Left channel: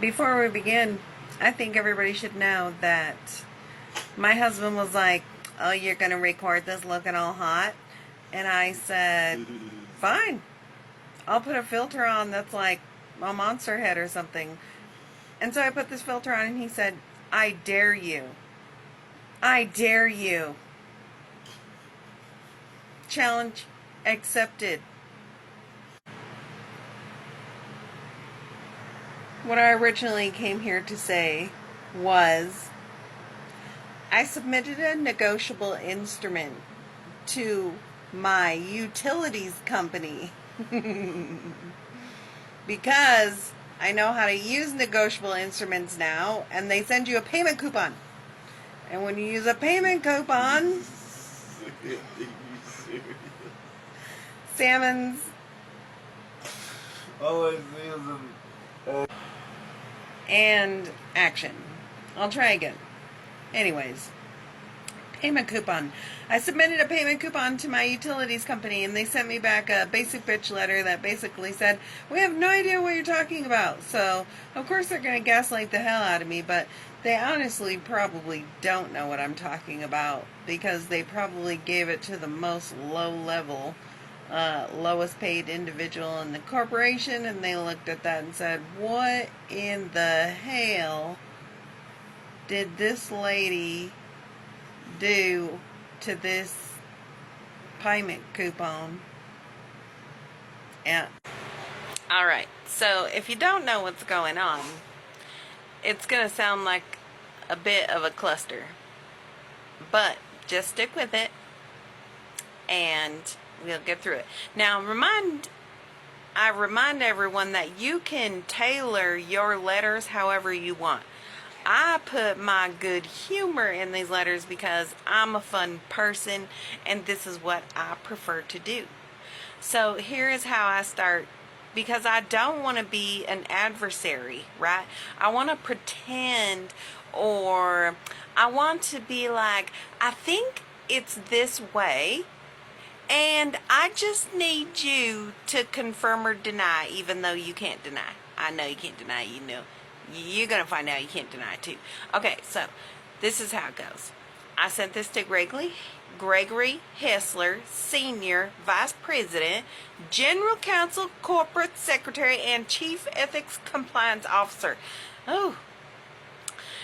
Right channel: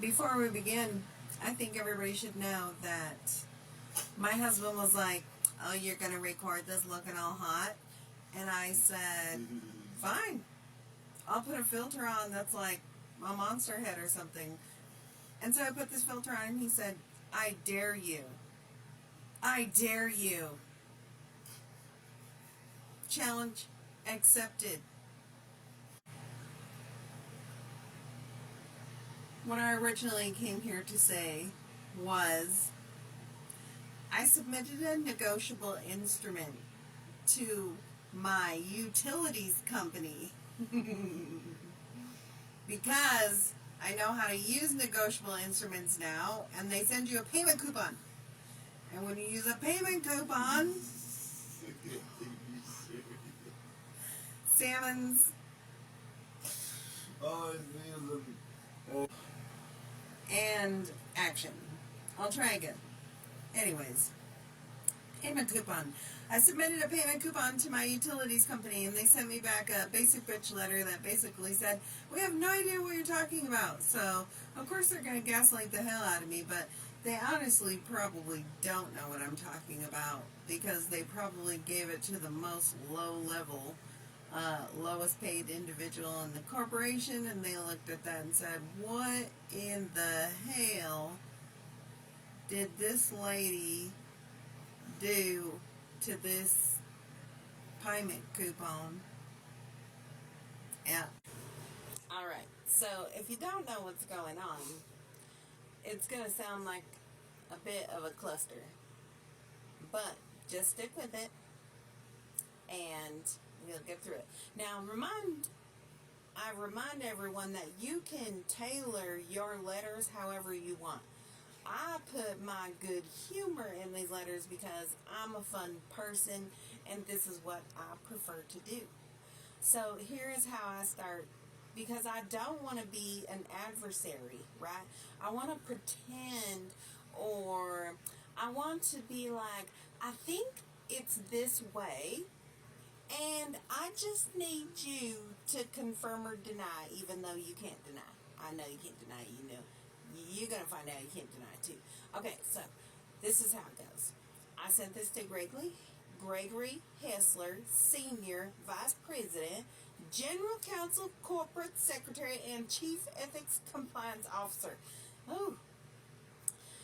Before we begin, I think everybody should know that my husband was like, "Oh, you're going to record this looking all hot?" And I said, "Fine. I'll put a filter on that's like a monster head or something." And so I put this filter on and he said, "I dare you. I dare you." Challenge accepted. What I originally came here to say was I submitted a negotiable instrument to my utilities company because I know how to use negotiable instruments now, and they send you a payment coupon. And when you use a payment coupon, Salmon's and action. I'll try again. Anyways, payment coupon. I submitted a payment coupon to my utilities company and they sent me back a basic bitch letter that basically said, "We have no idea what you're talking about." So, of course they're going to gaslight the hell out of me, but they honestly probably don't know what I'm talking about because they probably gave it to the most low-level, lowest paid individual in the corporation, and they looked at that and said, "What in the hell did this lady do to this payment coupon?" Yeah. Alright, so if you don't know what's going on, it's going to sound like a bit of a cluster. But just stick with it and we'll get through it. Now, I remind everyone that you can tailor your letters however you want. I put my good humor in these letters because I'm a fun person and this is what I prefer to do. So here is how I start, because I don't want to be an adversary, right? I want to pretend, or I want to be like, I think it's this way, and I just need you to confirm or deny, even though you can't deny. I know you can't deny, you know. You're going to find out you can't deny it too. Okay, so this is how it goes. I sent this to Gregory Hessler, Senior Vice President, General Counsel, Corporate Secretary, and Chief Ethics Compliance Officer. Oh.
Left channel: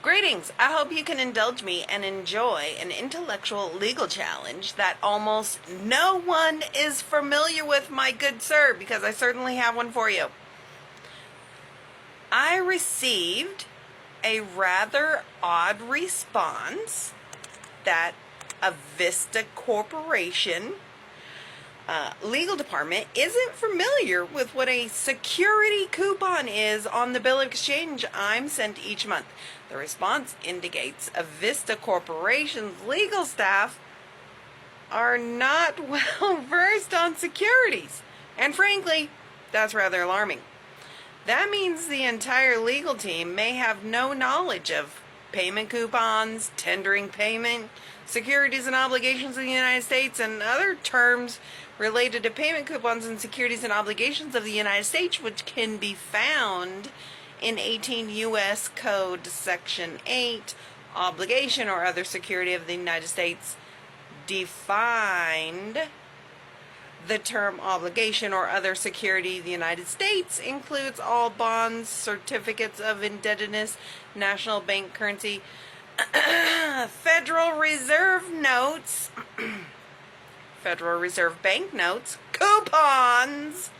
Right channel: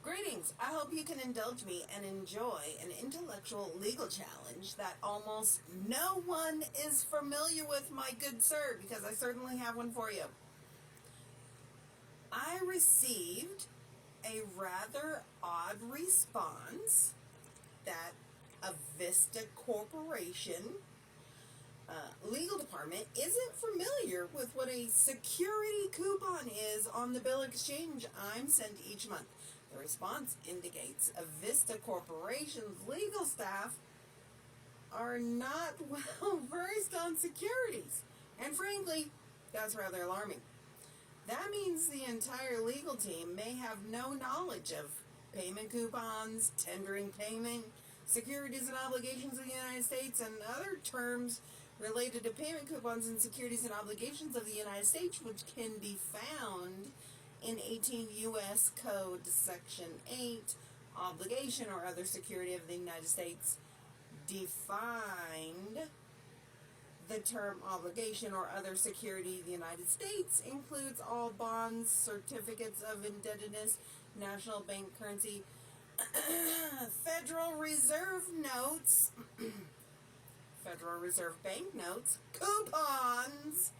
Greetings. I hope you can indulge me and enjoy an intellectual legal challenge that almost no one is familiar with, my good sir, because I certainly have one for you. I received a rather odd response that a Vista Corporation legal department isn't familiar with what a security coupon is on the bill of exchange I'm sent each month. The response indicates a Vista Corporation's legal staff are not well versed on securities, and frankly, that's rather alarming. That means the entire legal team may have no knowledge of payment coupons, tendering payment, securities and obligations of the United States, and other terms related to payment coupons and securities and obligations of the United States, which can be found in 18 U.S. Code Section 8, obligation or other security of the United States, defined. The term obligation or other security of the United States includes all bonds, certificates of indebtedness, national bank currency, Federal Reserve notes, Federal Reserve bank notes, coupons,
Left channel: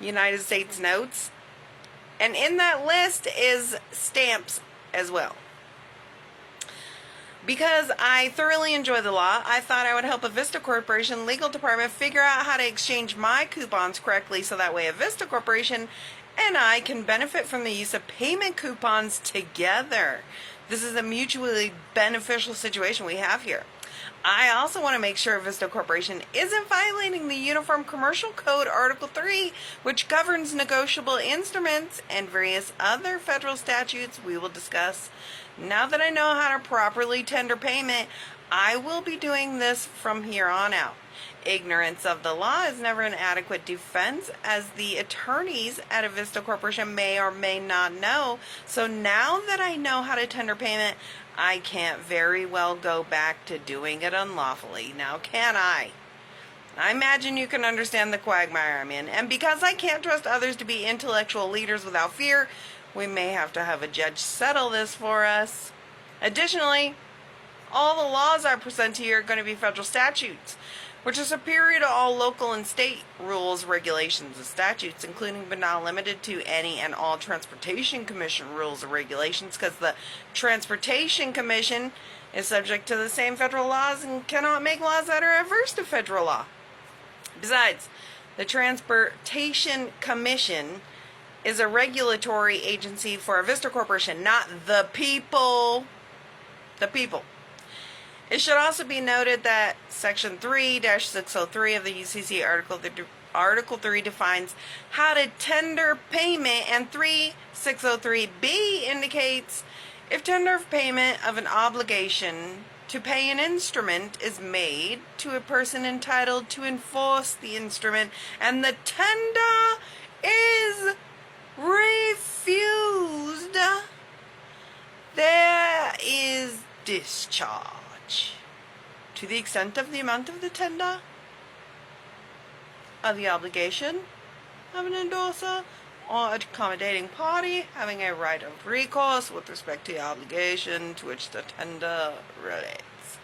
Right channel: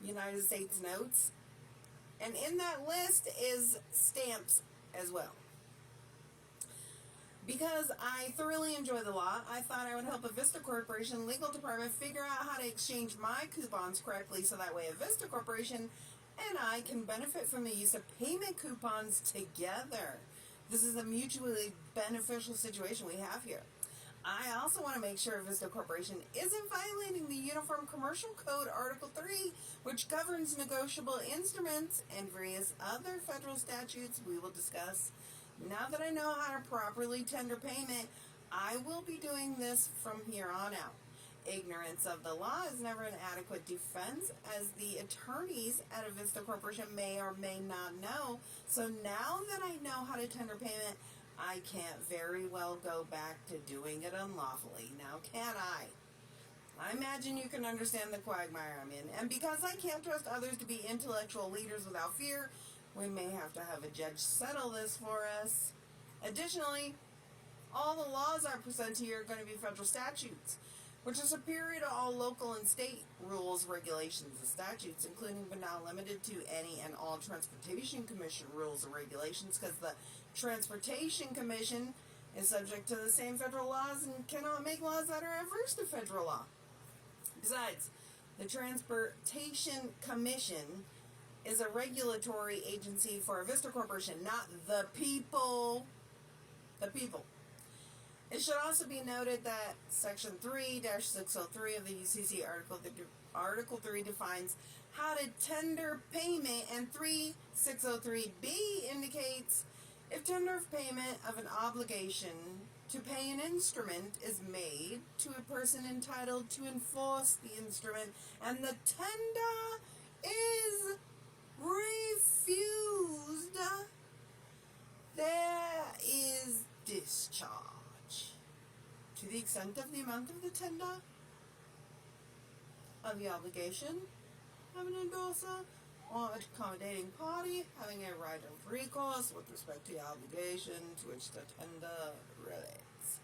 United States notes, and in that list is stamps as well. Because I thoroughly enjoy the law, I thought I would help a Vista Corporation legal department figure out how to exchange my coupons correctly so that way a Vista Corporation and I can benefit from the use of payment coupons together. This is a mutually beneficial situation we have here. I also want to make sure Vista Corporation isn't violating the Uniform Commercial Code Article 3, which governs negotiable instruments, and various other federal statutes we will discuss. Now that I know how to properly tender payment, I will be doing this from here on out. Ignorance of the law is never an adequate defense, as the attorneys at Avista Corporation may or may not know. So now that I know how to tender payment, I can't very well go back to doing it unlawfully. Now, can I? I imagine you can understand the quagmire I'm in. And because I can't trust others to be intellectual leaders without fear, we may have to have a judge settle this for us. Additionally, all the laws I present to you are going to be federal statutes, which are superior to all local and state rules, regulations, and statutes, including but not limited to any and all Transportation Commission rules or regulations, because the Transportation Commission is subject to the same federal laws and cannot make laws that are adverse to federal law. Besides, the Transportation Commission is a regulatory agency for Avista Corporation, not the people. The people. It should also be noted that Section 3-603 of the UCC Article 3 defines how to tender payment, and 3603B indicates if tender of payment of an obligation to pay an instrument is made to a person entitled to enforce the instrument and the tender is refused, there is discharge to the extent of the amount of the tender, of the obligation of an endorser or accommodating party having a right of recourse with respect to the obligation to which the tender relates.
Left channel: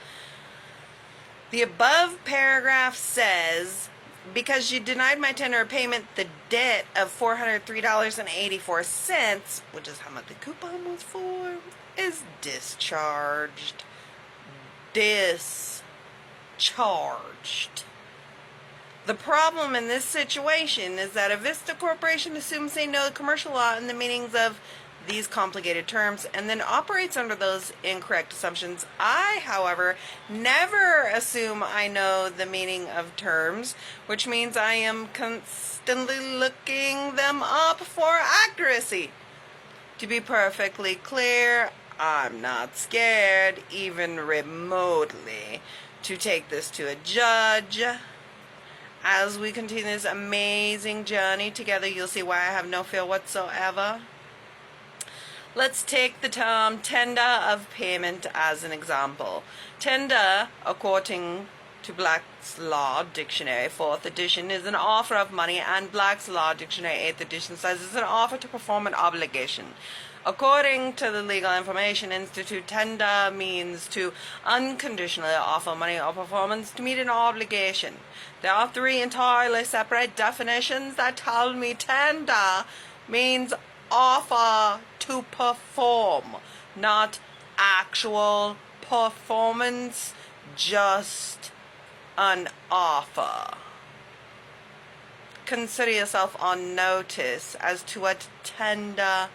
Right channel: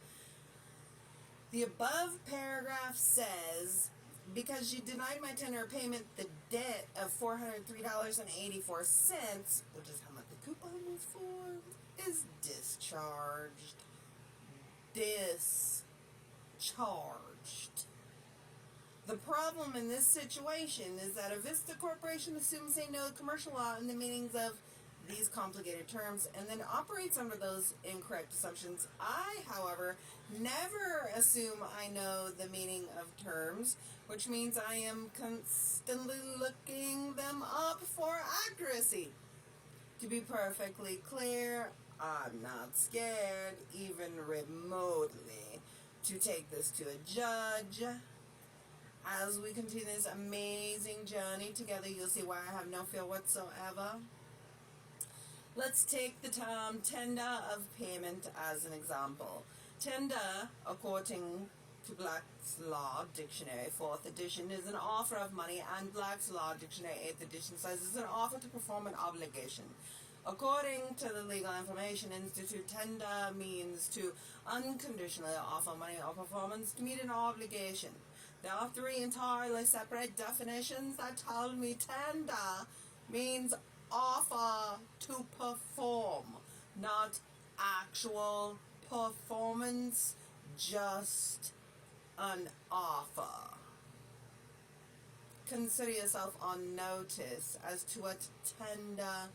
The above paragraph says, because you denied my tender of payment, the debt of $403.84, which is how much the coupon was for, is discharged. Discharged. The problem in this situation is that Avista Corporation assumes they know commercial law in the meanings of these complicated terms and then operates under those incorrect assumptions. I, however, never assume I know the meaning of terms, which means I am constantly looking them up for accuracy. To be perfectly clear, I'm not scared, even remotely, to take this to a judge. As we continue this amazing journey together, you'll see why I have no fear whatsoever. Let's take the term tender of payment as an example. Tender, according to Black's Law Dictionary 4th edition, is an offer of money, and Black's Law Dictionary 8th edition says it's an offer to perform an obligation. According to the Legal Information Institute, tender means to unconditionally offer money or performance to meet an obligation. There are three entirely separate definitions that tell me tender means offer to perform, not actual performance, just an offer. Consider yourself on notice as to what tender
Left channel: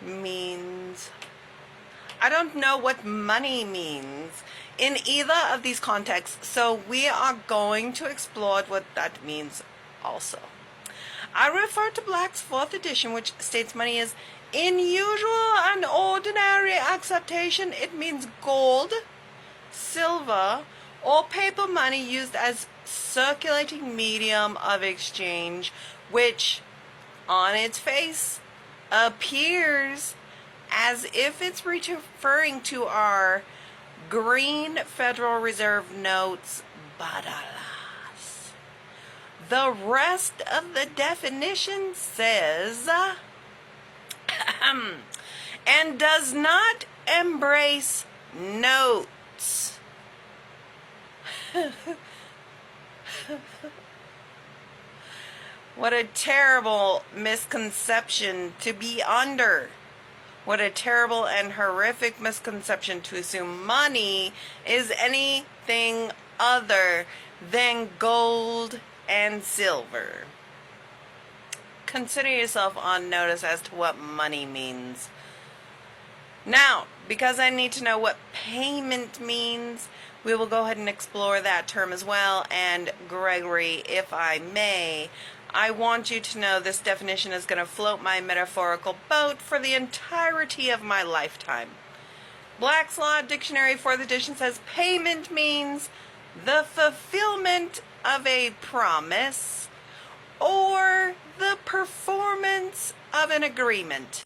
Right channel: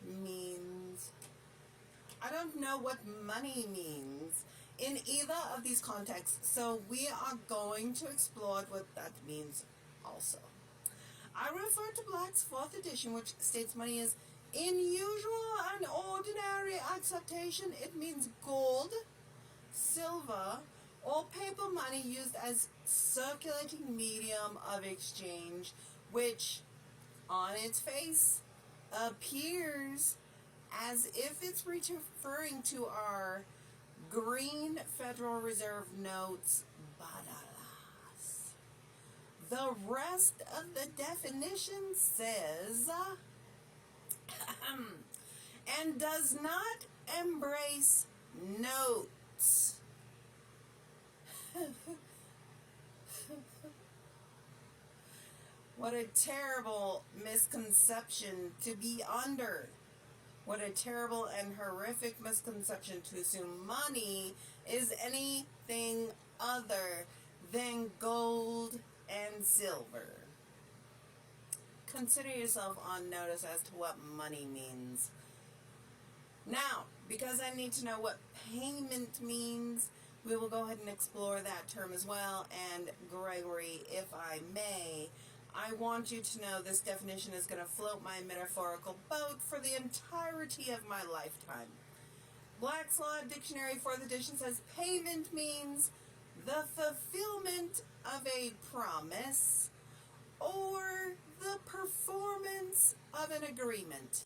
means. I don't know what money means in either of these contexts, so we are going to explore what that means also. I refer to Black's 4th edition, which states money is in usual and ordinary acceptation. It means gold, silver, or paper money used as circulating medium of exchange, which on its face appears as if it's referring to our green Federal Reserve notes, but alas, the rest of the definition says and does not embrace notes. What a terrible misconception to be under. What a terrible and horrific misconception to assume money is anything other than gold and silver. Consider yourself on notice as to what money means. Now, because I need to know what payment means, we will go ahead and explore that term as well. And Gregory, if I may, I want you to know this definition is going to float my metaphorical boat for the entirety of my lifetime. Black's Law Dictionary 4th edition says payment means the fulfillment of a promise or the performance of an agreement.